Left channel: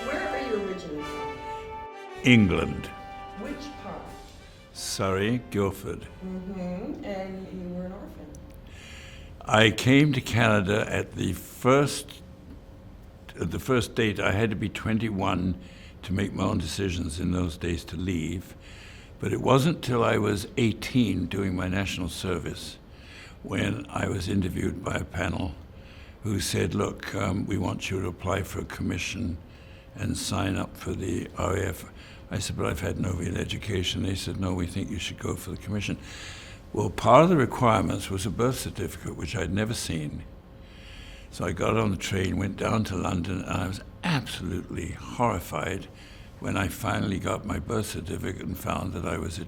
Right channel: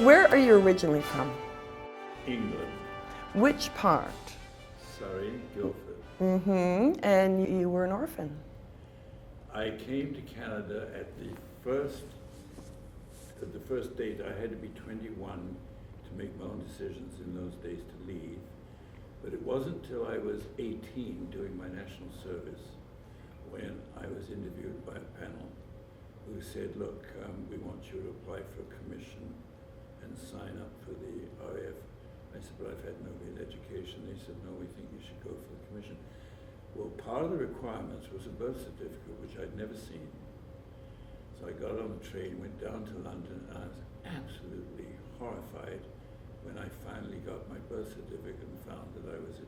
Where are you originally from? England. Which part? Surrey, Guildford. And you were an orphan. I came to Canada at the first date. I had to be 21 to make my own decisions in those days to leave. But it wasn't till I was 18 doing my national service when I was interviewed by a panel who said, look, we want you to apply for a commission and sign up for the RAF. I said, but I've had no real education. They said, no, we think you should go for the commission. Well, part of the requirements was a birth certificate, which I'd never seen. So I got on the train, went down to London, and I was absolutely horrified when I finally got my birth certificate and found that I was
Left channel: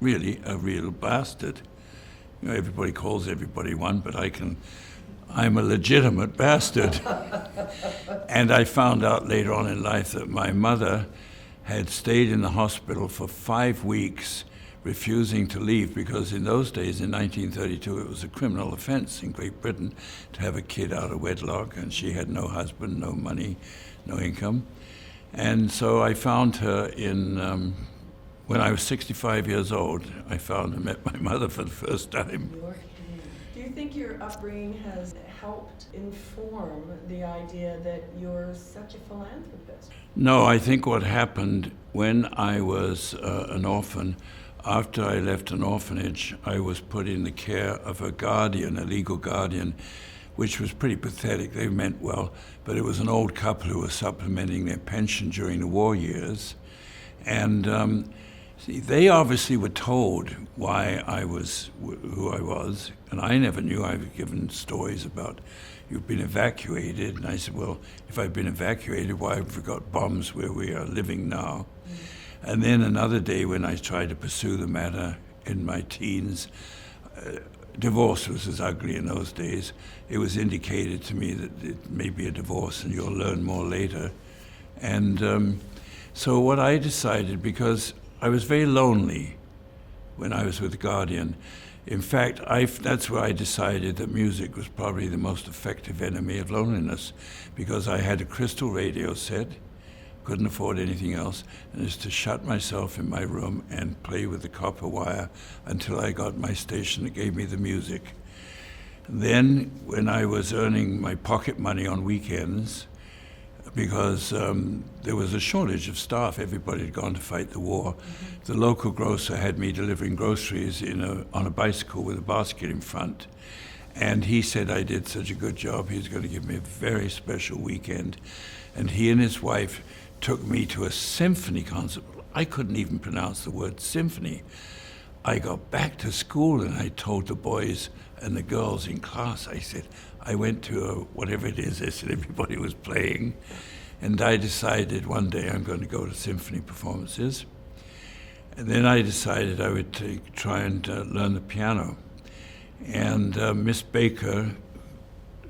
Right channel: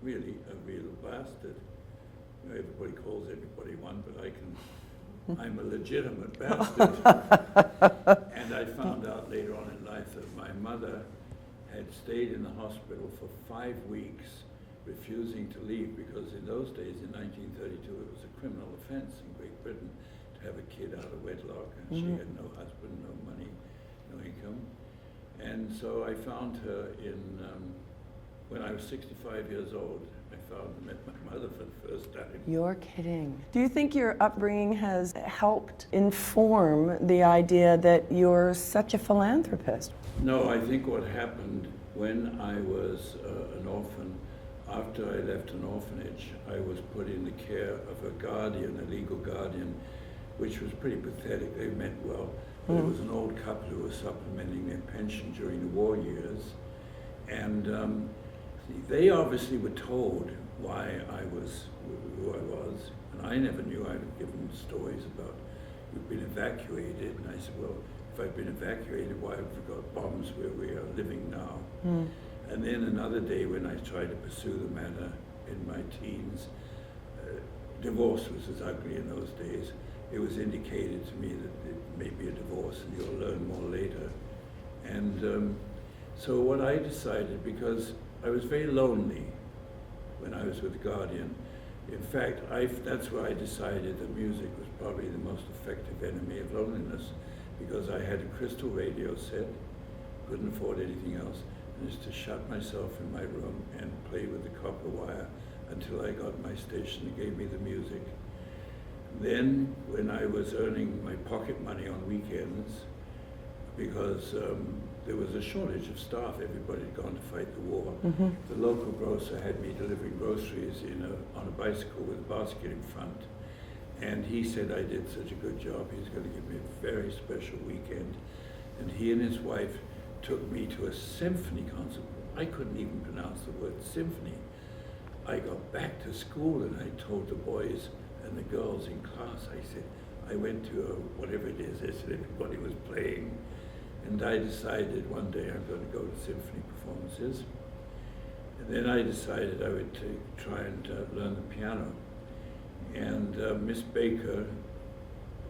really a real bastard. You know, everybody calls everybody one, but I'm a legitimate bastard. And I found out later on in life that my mother had stayed in the hospital for 5 weeks, refusing to leave, because in those days, in 1932, it was a criminal offense in Great Britain to have a kid out of wedlock, and she had no husband, no money, no income. And so I found her when I was 65 years old. I found and met my mother for the first time. You're kidding. Do you think your upbringing has helped inform the idea that you're such a philanthropist? No, I think what happened when I was an orphan, after I left an orphanage, I was put in the care of a guardian, a legal guardian, which was pretty pathetic. They meant well, but it was an old couple who was supplementing their pension during the war years. And they obviously were told why I was who I was, and I never knew. I was given stories about, you've been evacuated, and I said, well, if I've been evacuated, why have we got bombs where we are living now? And then another day when I tried to pursue the matter in my teens, divorce was as ugly in those days. It was indicated to me that it may be a divorce and you'll learn more later. And so what I decided, because I was very lonely when I was with the Guardian. In fact, that's where I decided that music was probably the most effective enemy of loneliness, because I had a crystal radio set, couldn't afford anything else, and just to shut myself in my room and play with the copper wire until I got my station that gave me the music. Then, when I was earning my pocket money on weekends, because there was a shortage of staff, everybody had gone to fight the war. The local grocer had me delivering groceries on a bicycle with a basket in front. And he said I did such a good job, he was going to give me a very special weekend. And he and his wife took me to a symphony concert. I couldn't even pronounce the word symphony. I got back to school and I told the boys and the girls in class, I said, I went to whatever it is, I said everybody was playing. And I decided one day I'm going to go to symphony performances. And then I decided I would try and learn the piano. And Miss Baker,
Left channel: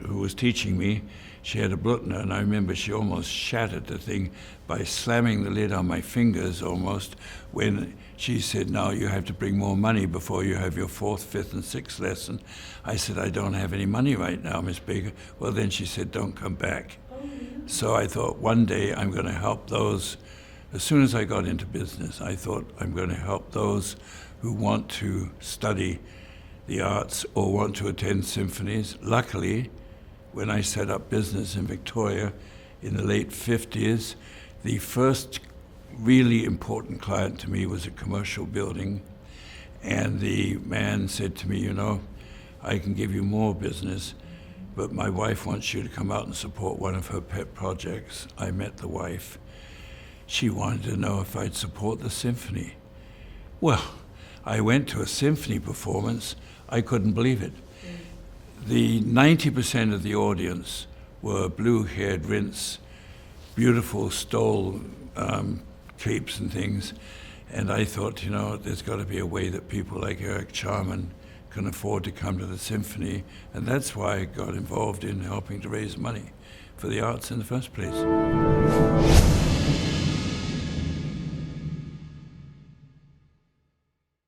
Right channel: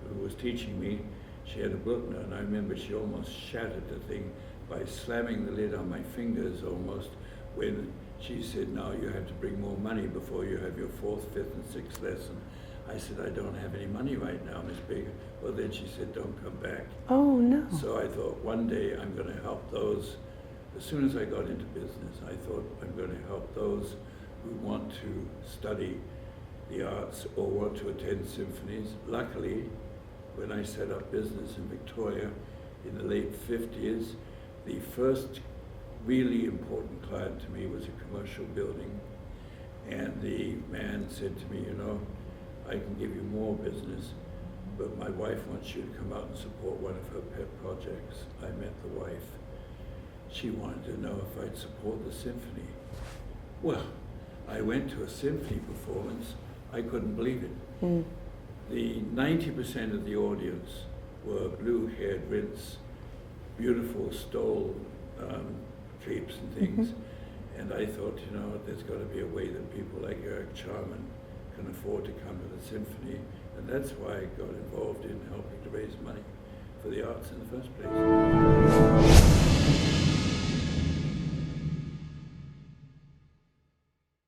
who was teaching me, she had a Blutner, and I remember she almost shattered the thing by slamming the lid on my fingers almost, when she said, now you have to bring more money before you have your 4th, 5th, and 6th lesson. I said, I don't have any money right now, Miss Baker. Well, then she said, don't come back. Oh, no. So I thought one day I'm going to help those. As soon as I got into business, I thought I'm going to help those who want to study the arts or want to attend symphonies. Luckily, when I set up business in Victoria in the late 50s, the first really important client to me was a commercial building. And the man said to me, you know, I can give you more business, but my wife wants you to come out and support one of her pet projects. I met the wife. She wanted to know if I'd support the symphony. Well, I went to a symphony performance. I couldn't believe it. The 90% of the audience were blue-haired rints, beautiful stole capes and things. And I thought, you know, there's got to be a way that people like Eric Charman can afford to come to the symphony. And that's why I got involved in helping to raise money for the arts in the first place.